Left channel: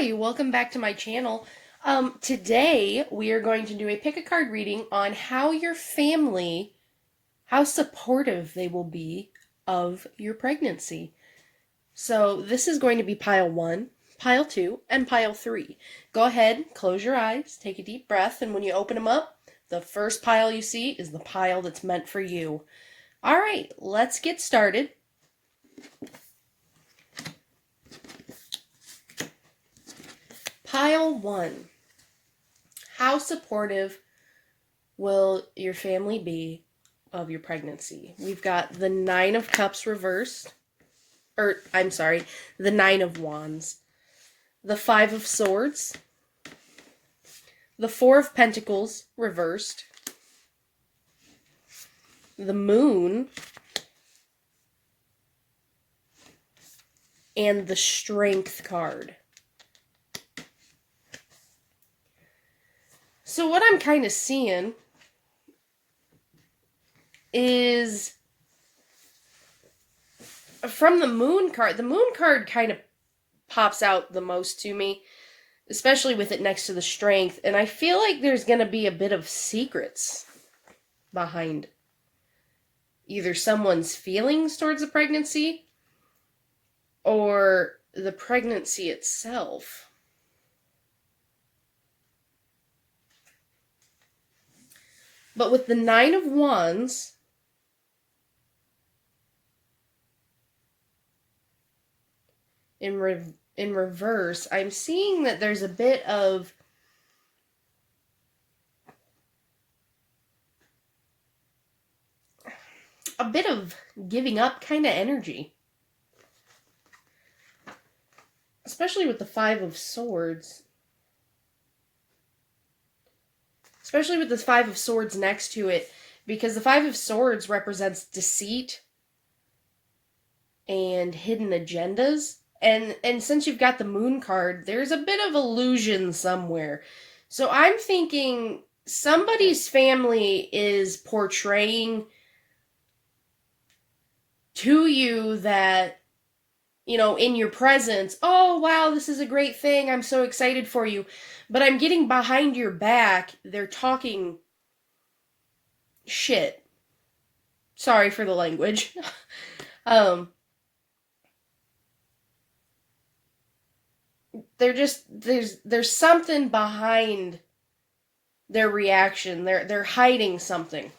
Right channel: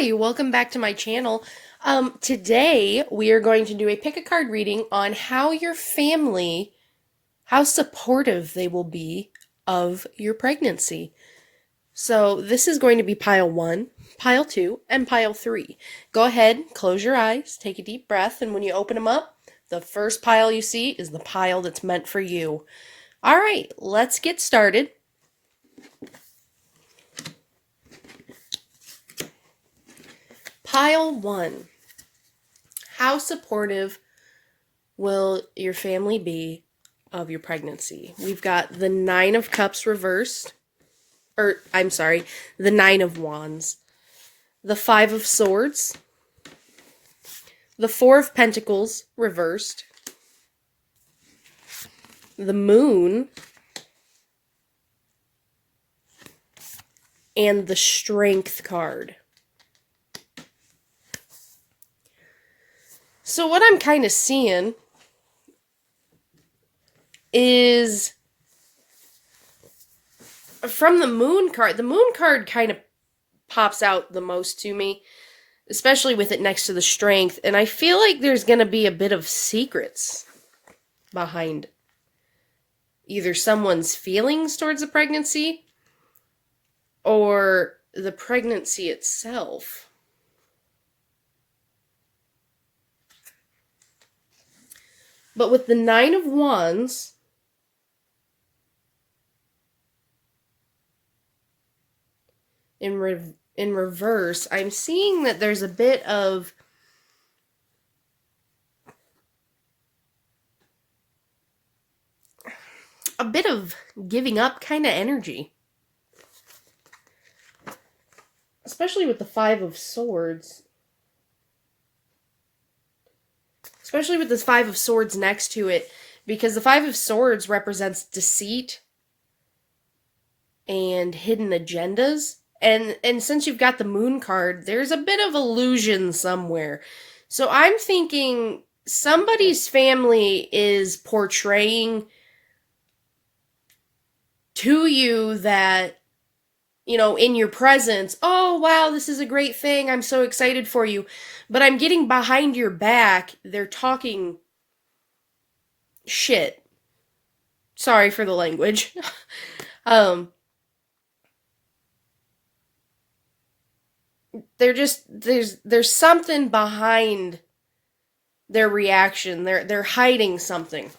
Hi, welcome back to my channel. Today we are going to do a pick a card reading on how your family, how supportive they will be of your pregnancy. So this is going to be pile 1, pile 2, and pile 3. Go ahead, close your eyes, take a deep breath, and when you open them up, the first pile you see is the pile that's meant for you. All right, let's get started. Pile 1. How supportive will your family be of your pregnancy? We've got the 9 of Cups reversed, the 9 of Wands, the 5 of Swords, the 4 of Pentacles reversed, the Moon, and the Strength card. So what I'm kind of seeing is from the Moon card kind of pops out the most to me, especially with it next to the Strength, and I feel like there's going to be a bit of secrets behind either someone's feelings towards the pregnancy or the pregnancy itself. But with the 9 of Wands, in reverse, I'm seeing that there's a bit of giving up kind of energy. Especially with the 5 of Swords. Especially with this 5 of Swords next to it, because the 5 of Swords represents deceit and hidden agendas. And since you've got the Moon card, there's a bit of illusion somewhere. So I'm thinking somebody's family is portraying to you that, in your presence, oh, wow, this is a great thing. I'm so excited for you. But I'm getting behind your back. They're talking shit. Sorry for the language. There's something behind their reaction. They're hiding something.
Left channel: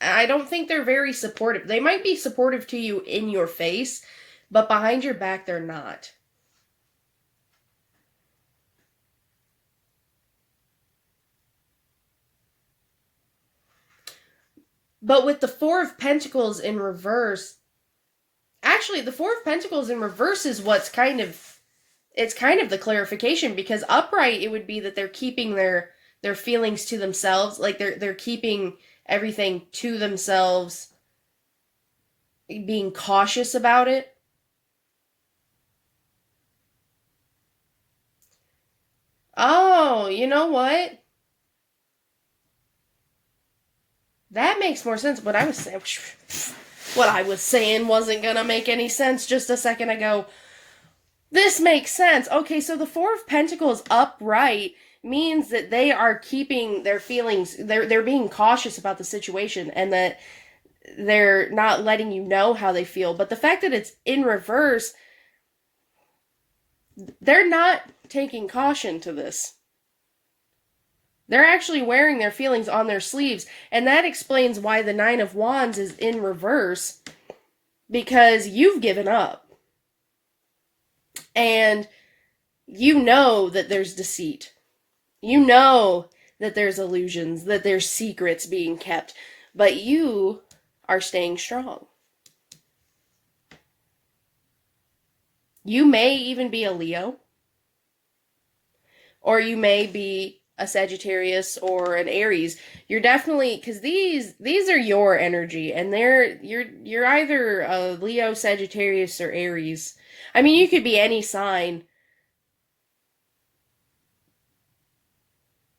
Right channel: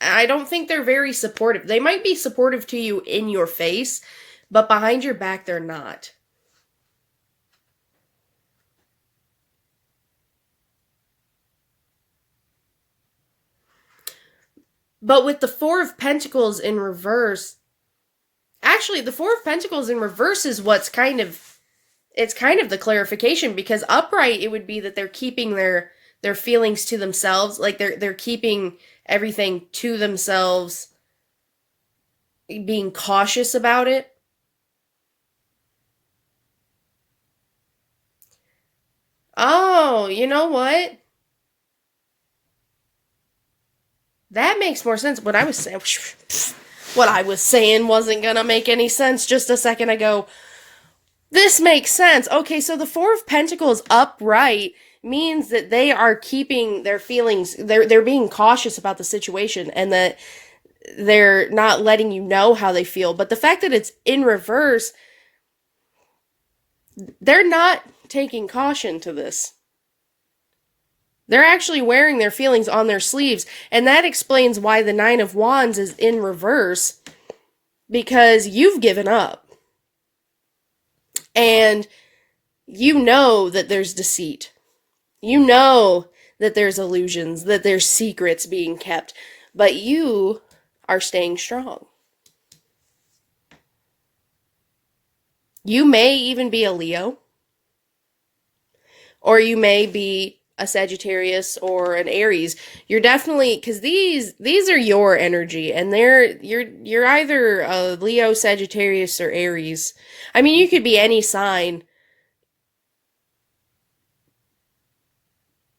I don't think they're very supportive. They might be supportive to you in your face, but behind your back, they're not. But with the 4 of Pentacles in reverse, actually, the 4 of Pentacles in reverse is what's it's kind of the clarification, because upright, it would be that they're keeping their feelings to themselves, like they're keeping everything to themselves, being cautious about it. Oh, you know what? That makes more sense. What I was saying wasn't gonna make any sense just a second ago. This makes sense. Okay, so the 4 of Pentacles upright means that they are keeping their feelings, they're being cautious about the situation, and that they're not letting you know how they feel. But the fact that it's in reverse, they're not taking caution to this. They're actually wearing their feelings on their sleeves, and that explains why the 9 of Wands is in reverse, because you've given up. And you know that there's deceit. You know that there's illusions, that there's secrets being kept, but you are staying strong. You may even be a Leo, or you may be a Sagittarius or an Aries. You're definitely, because these are your energy, and you're either a Leo, Sagittarius, or Aries. I mean, you could be any sign,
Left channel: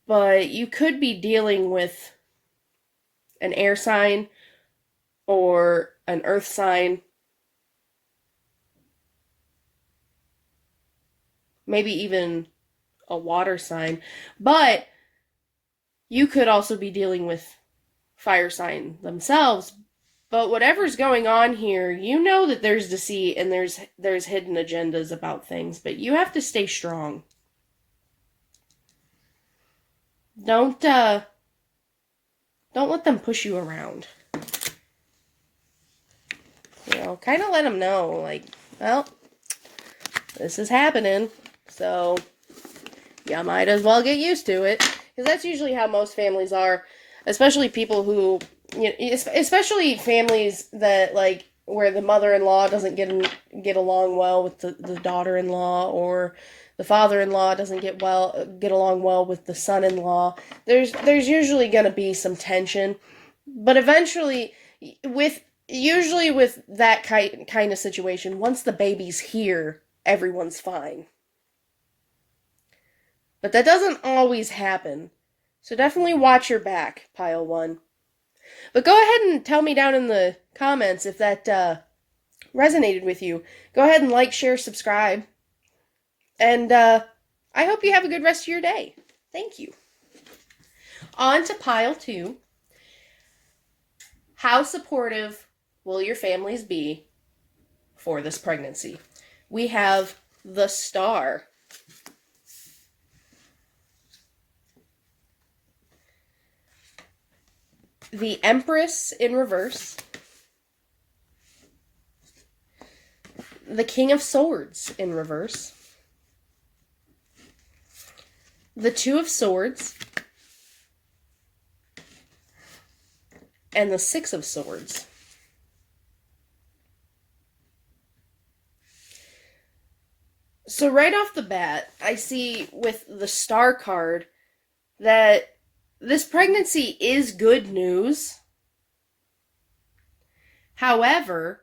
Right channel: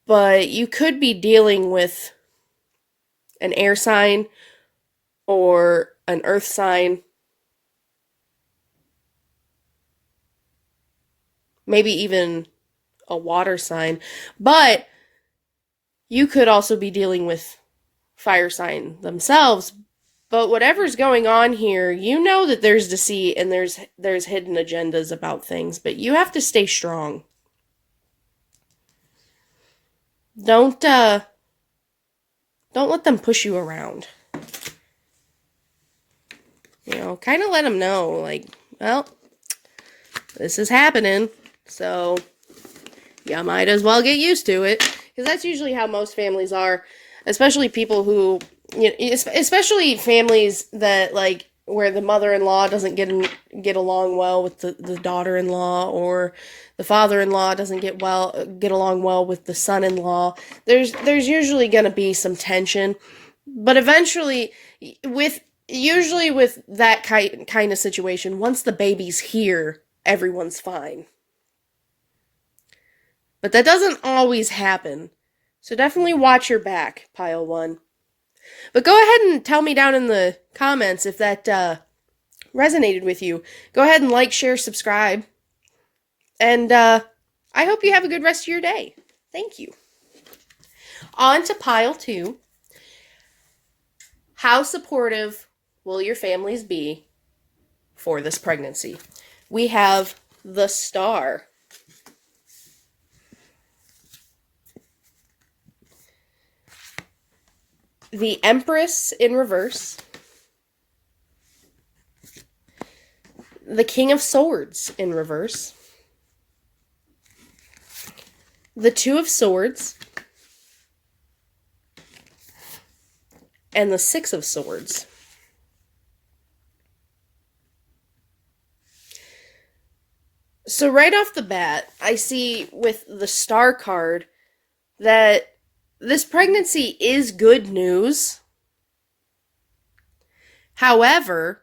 but you could be dealing with an air sign or an earth sign. maybe even a water sign. But you could also be dealing with fire sign themselves. But whatever's going on here, you know that there's deceit and there's hidden agendas about things, but you have to stay strong. Don't don't let them push you around. You know, kind of let them know, like, well, this is happening, so you might as well get used to it. Because that's usually how most families are, especially people who, you know, especially families that, like, where the mother-in-law doesn't get along well with the daughter-in-law, or the father-in-law doesn't get along well with the son-in-law. There's usually going to be some tension, but eventually, usually with that kind of situation, once the baby's here, everyone's fine. But that doesn't always happen. So definitely watch your back, Pile 1. But go ahead and tell me down in the comments if that resonated with you. Go ahead and like, share, subscribe. And I hope you have a good rest of your day. Thank you. On to Pile 2. How supportive will your families be for this pregnancy? We have the Star. The Empress in reverse. The King of Swords in reverse. The Two of Swords. And the Six of Swords. So right off the bat, I see with the Star card that this pregnancy is good news. However,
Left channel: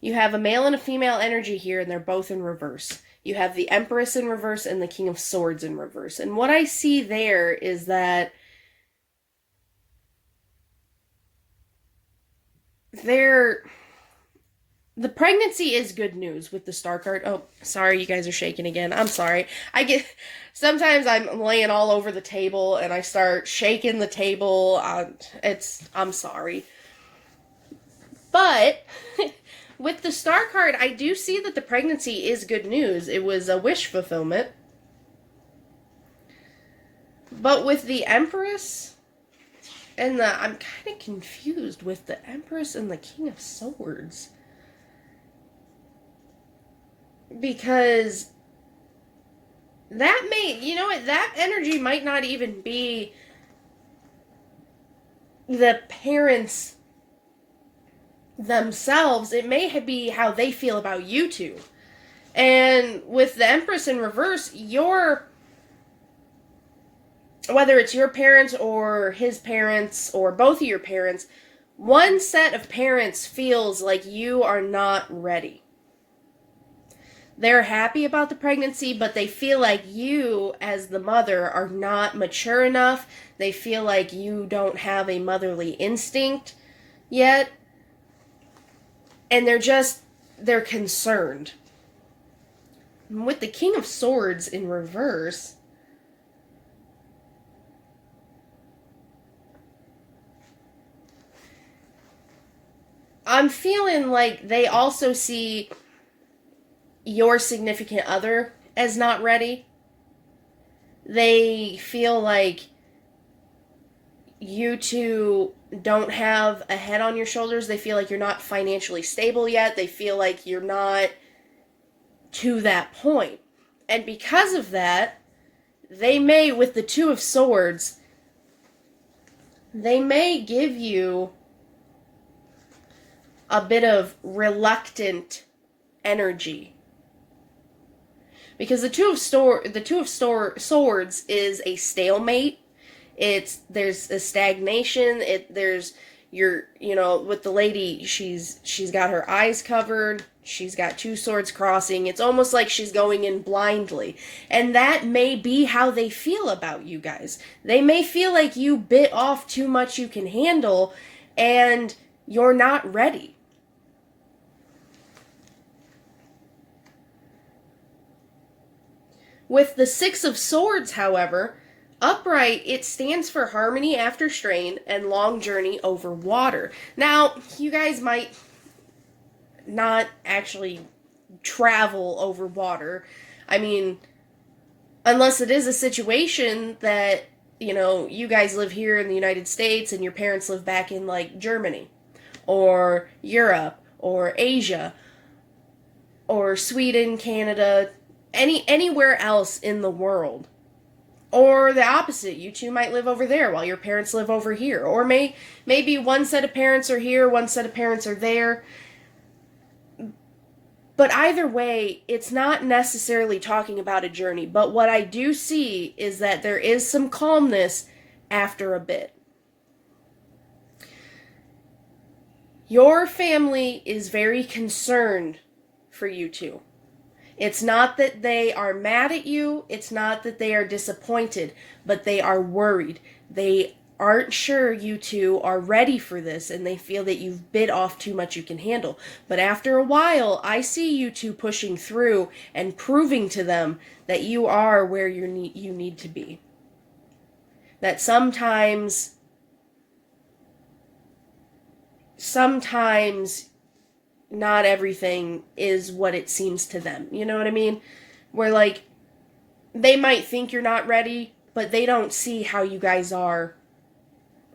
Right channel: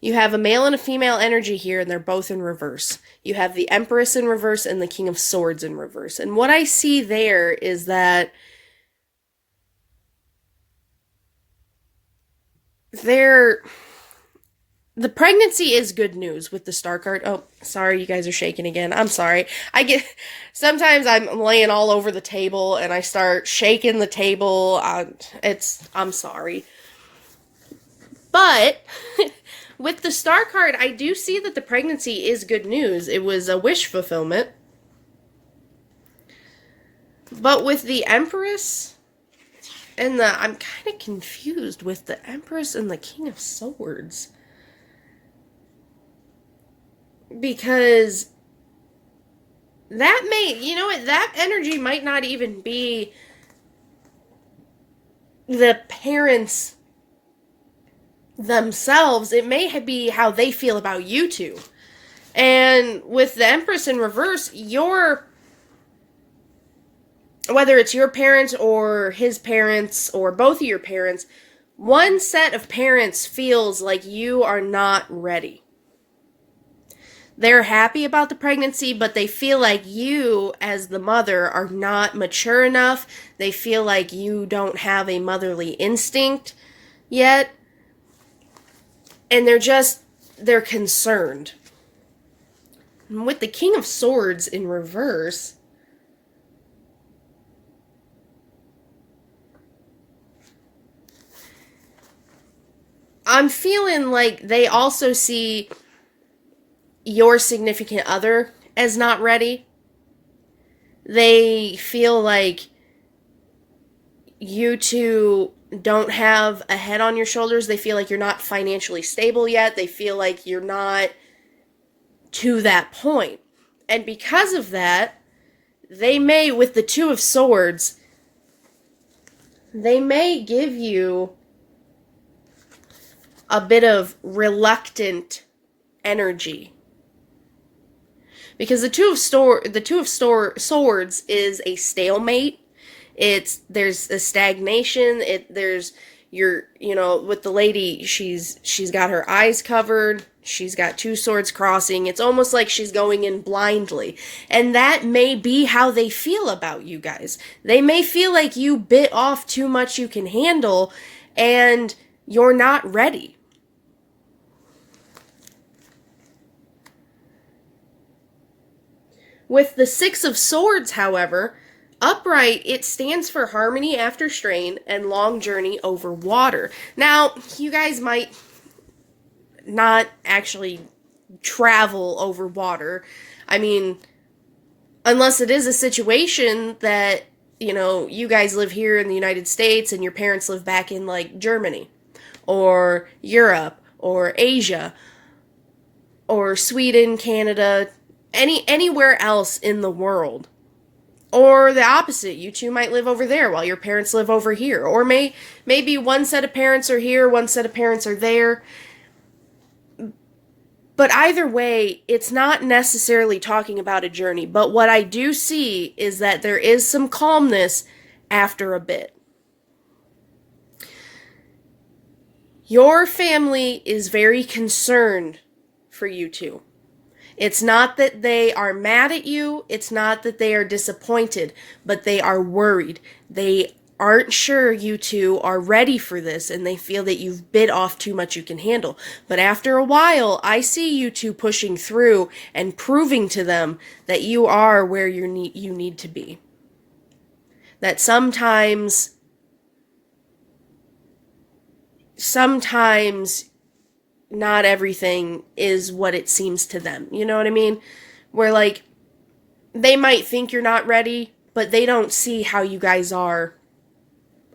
you have a male and a female energy here, and they're both in reverse. You have the Empress in reverse and the King of Swords in reverse. And what I see there is that the pregnancy is good news with the Star card. Oh, sorry, you guys are shaking again. I'm sorry. Sometimes I'm laying all over the table and I start shaking the table. I'm sorry. But with the Star card, I do see that the pregnancy is good news. It was a wish fulfillment. But with the Empress and I'm kind of confused with the Empress and the King of Swords. Because that energy might not even be the parents themselves. It may be how they feel about you two. And with the Empress in reverse, whether it's your parents or his parents or both of your parents, one set of parents feels like you are not ready. They're happy about the pregnancy, but they feel like you, as the mother, are not mature enough. They feel like you don't have a motherly instinct yet. And they're concerned. With the King of Swords in reverse, I'm feeling like they also see your significant other as not ready. They feel like you two don't have a head on your shoulders. They feel like you're not financially stable yet. They feel like you're not to that point. And because of that, they may, with the Two of Swords, they may give you a bit of reluctant energy. Because the Two of Swords is a stalemate. There's a stagnation. With the lady, she's got her eyes covered. She's got two swords crossing. It's almost like she's going in blindly. And that may be how they feel about you guys. They may feel like you bit off too much you can handle and you're not ready. With the Six of Swords, however, upright, it stands for harmony after strain and long journey over water. Now, you guys might not actually travel over water. I mean, unless it is a situation that, you guys live here in the United States and your parents live back in like Germany or Europe or Asia or Sweden, Canada, anywhere else in the world. Or the opposite, you two might live over there while your parents live over here. Or maybe one set of parents are here, one set of parents are there. But either way, it's not necessarily talking about a journey. But what I do see is that there is some calmness after a bit. Your family is very concerned for you two. It's not that they are mad at you. It's not that they are disappointed, but they are worried. They aren't sure you two are ready for this, and they feel that you've bit off too much you can handle. But after a while, I see you two pushing through and proving to them that you are where you need to be. That sometimes not everything is what it seems to them. You know what I mean? Where, like, they might think you're not ready, but they don't see how you guys are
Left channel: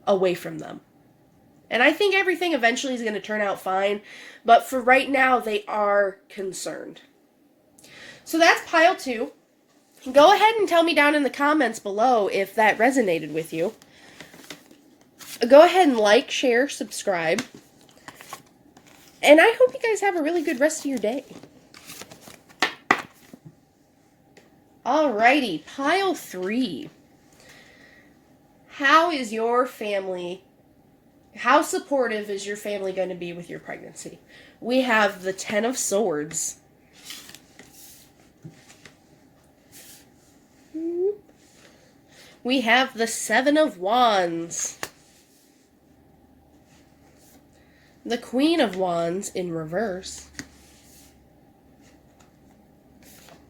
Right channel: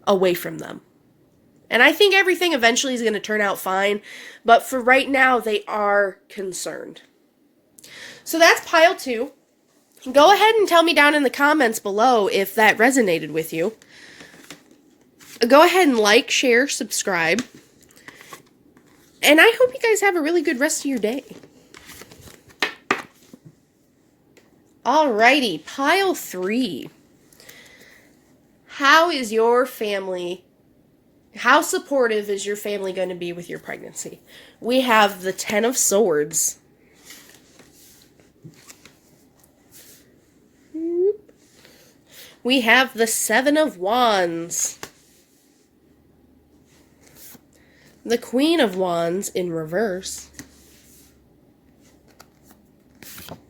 away from them. And I think everything eventually is going to turn out fine, but for right now, they are concerned. So that's pile 2. Go ahead and tell me down in the comments below if that resonated with you. Go ahead and like, share, subscribe. And I hope you guys have a really good rest of your day. Alrighty, pile 3. How supportive is your family going to be with your pregnancy? We have the Ten of Swords. We have the Seven of Wands. The Queen of Wands in reverse.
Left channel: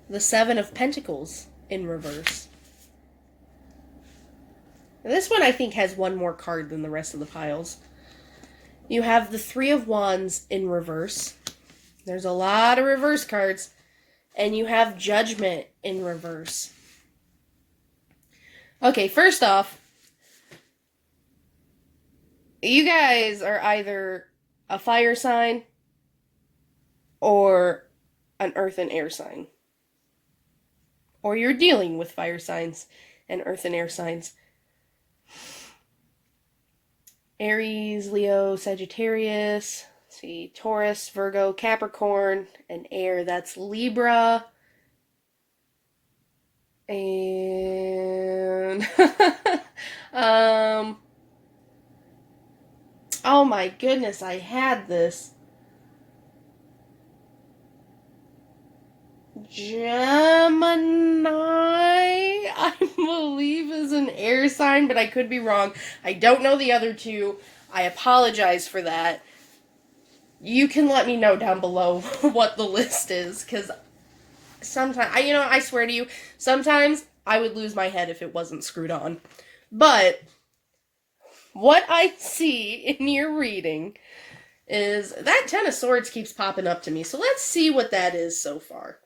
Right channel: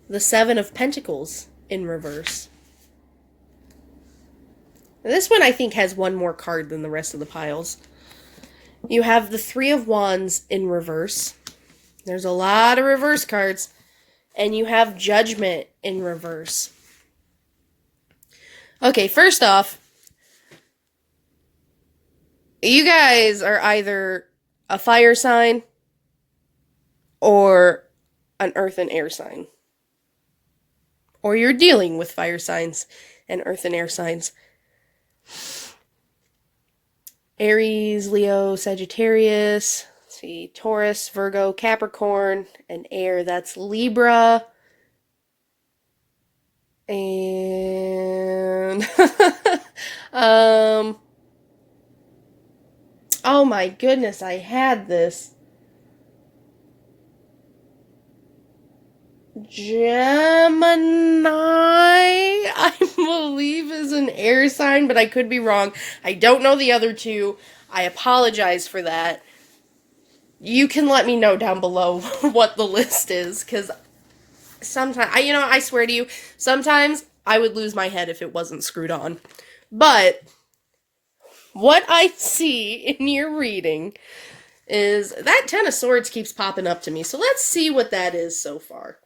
The Seven of Pentacles in reverse. This one I think has one more card than the rest of the piles. You have the Three of Wands in reverse. There's a lot of reverse cards. And you have Judgment in reverse. Okay, first off, you guys are either a fire sign or an earth and air sign. Or you're dealing with fire signs and earth and air signs. Aries, Leo, Sagittarius, let's see, Taurus, Virgo, Capricorn, and air, that's Libra. And oh my goodness, I had this. Gemini, I believe, is an air sign, but I could be wrong. I don't know the other two. I apologize for that. You can let me know down below what the list is, because sometimes, I swear to you, sometimes I would lose my head if it wasn't screwed on. But what I see in your reading is that Ten of Swords keeps popping up to me. So let's see what that is so far.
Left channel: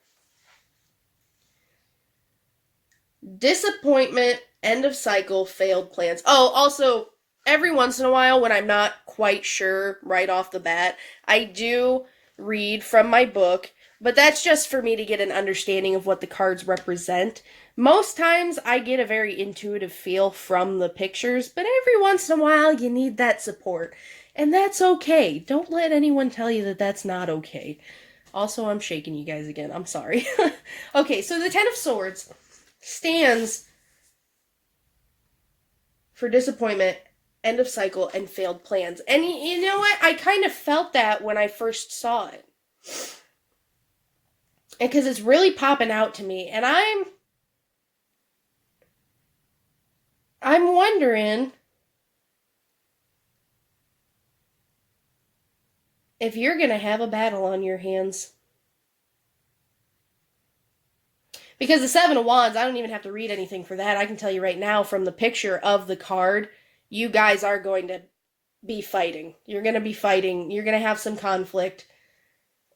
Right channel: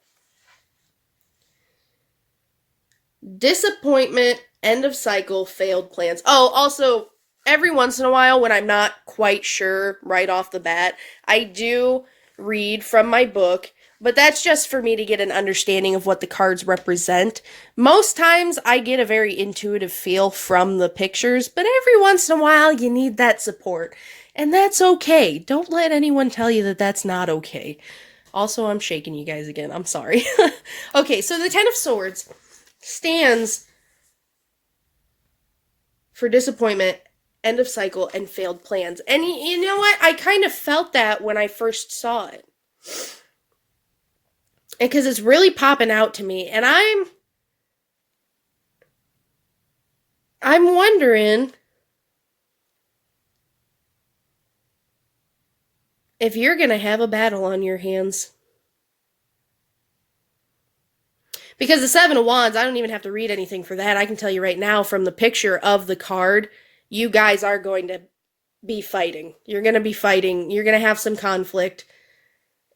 Disappointment, end of cycle, failed plans. Oh, also, every once in a while when I'm not quite sure right off the bat, I do read from my book, but that's just for me to get an understanding of what the cards represent. Most times I get a very intuitive feel from the pictures, but every once in a while you need that support. And that's okay. Don't let anyone tell you that that's not okay. Also, I'm shaking you guys again. I'm sorry. Okay, so the Ten of Swords stands for disappointment, end of cycle, and failed plans. And you know what? I kind of felt that when I first saw it. Because it's really popping out to me. And I'm wondering if you're going to have a battle on your hands. Because the Seven of Wands, I don't even have to read anything for that. I can tell you right now from the picture of the card, you guys are going to be fighting. You're going to be fighting. You're going to have some conflict.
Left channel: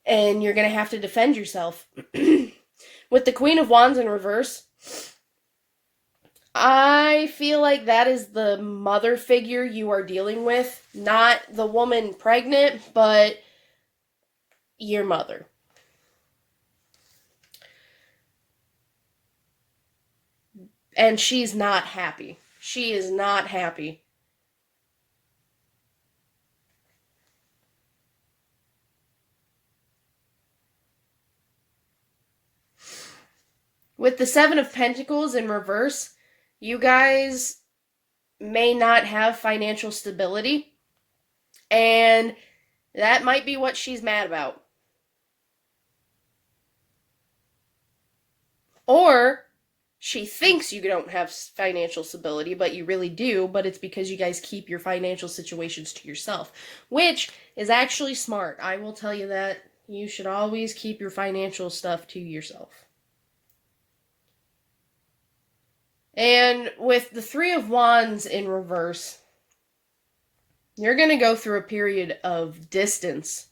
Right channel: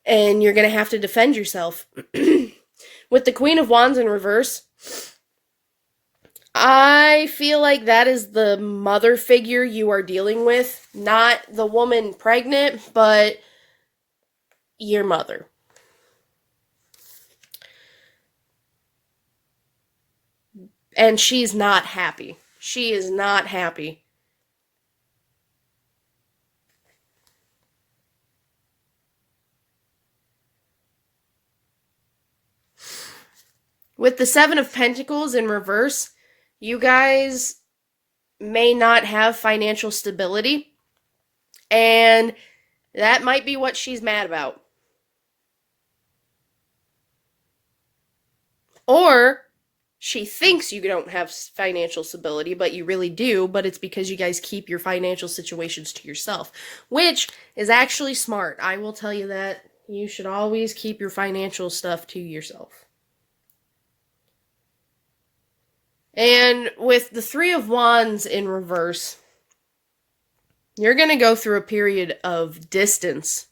And you're going to have to defend yourself. With the Queen of Wands in reverse, I feel like that is the mother figure you are dealing with. Not the woman pregnant, but your mother. And she's not happy. She is not happy. With the Seven of Pentacles in reverse, you guys may not have financial stability. And that might be what she's mad about. Or she thinks you don't have financial stability, but you really do, but it's because you guys keep your financial situations to yourself, which is actually smart. I will tell you that. You should always keep your financial stuff to yourself. And with the Three of Wands in reverse, you're going to go through a period of distance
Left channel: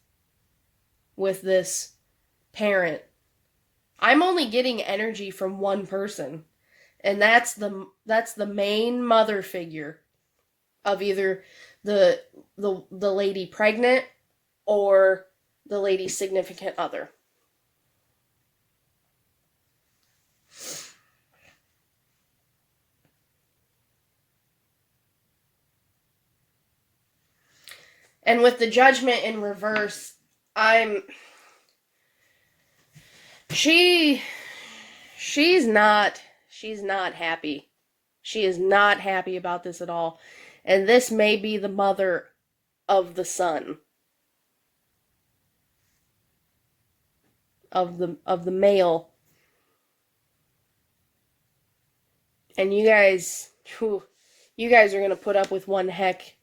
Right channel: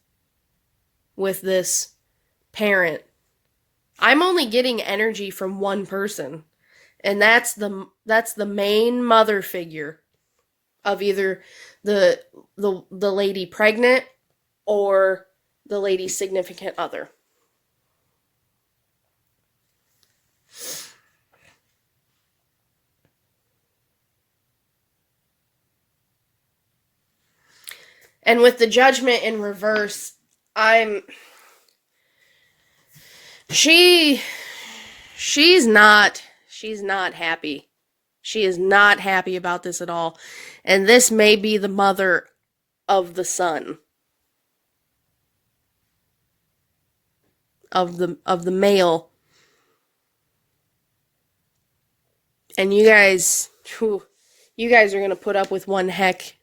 with this parent. I'm only getting energy from one person, and that's the main mother figure of either the lady pregnant or the lady's significant other. And with the Judgment in reverse, she's not happy. She is not happy about this at all. And this may be the mother of the son. Of the male. And you guys are going to put up with one heck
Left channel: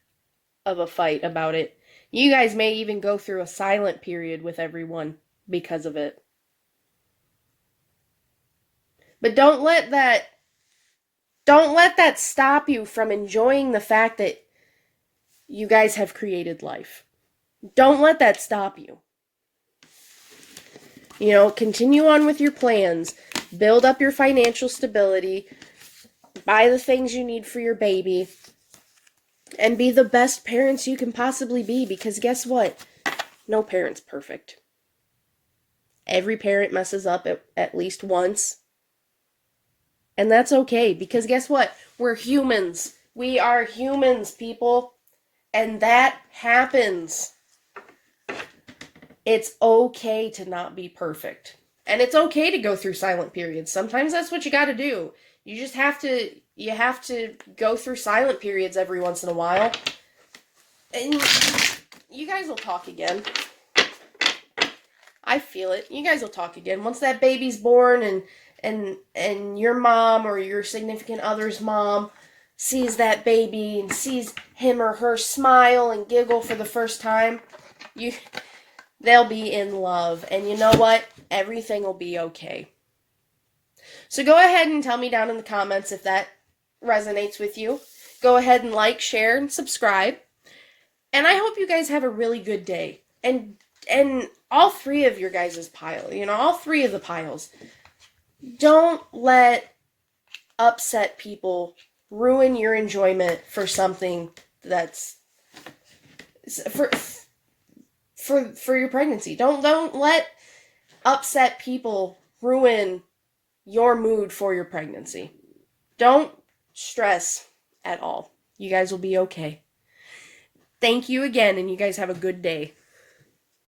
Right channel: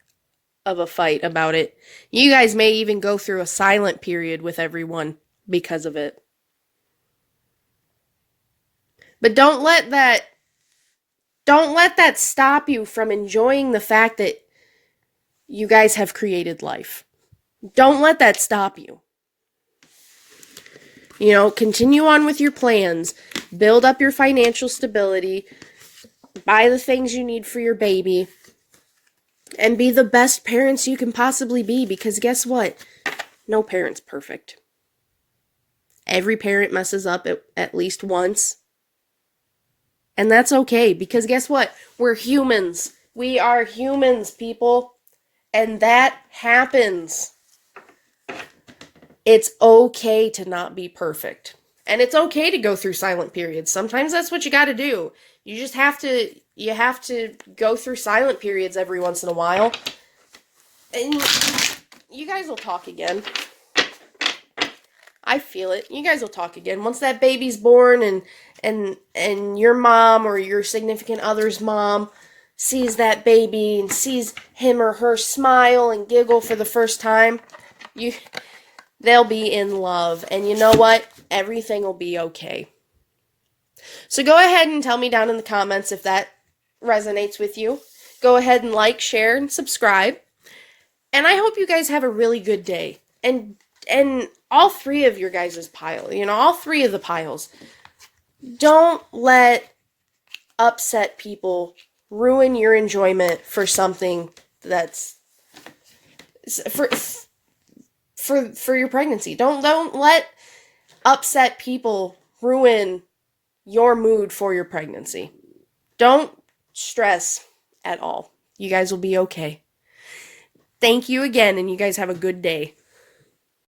of a fight about it. You guys may even go through a silent period with everyone because of it. But don't let that stop you from enjoying the fact that you guys have created life. Don't let that stop you. You know, continue on with your plans. Build up your financial stability. Buy the things you need for your baby. And be the best parents you can possibly be, because guess what? No parent's perfect. Every parent messes up at least once. And that's okay, because guess what? We're humans. We are humans, people. And that happens. It's okay to not be perfect. And it's okay to go through silent periods. Sometimes that's what you got to do. You just have to go through silent periods every once in a while. And you guys will talk again. I feel it. You guys will talk again. Once that baby's born and your mom or your significant other's mom sees that baby and sees him or her smile and giggle for the first time, they'll be in love. And you know what? Everything will be okay. So go ahead and tell me down in the comments if that resonates with you. Go ahead and like, share, and subscribe. And I hope you guys have a really good day. And all three of your guys' pile, all three of the piles. Don't let upset people ruin your enjoyment for something that's for your pregnancy. Don't let upset people ruin your mood for your pregnancy. Don't stress at all. You guys will be okay. Thank you again, and you guys have a good day.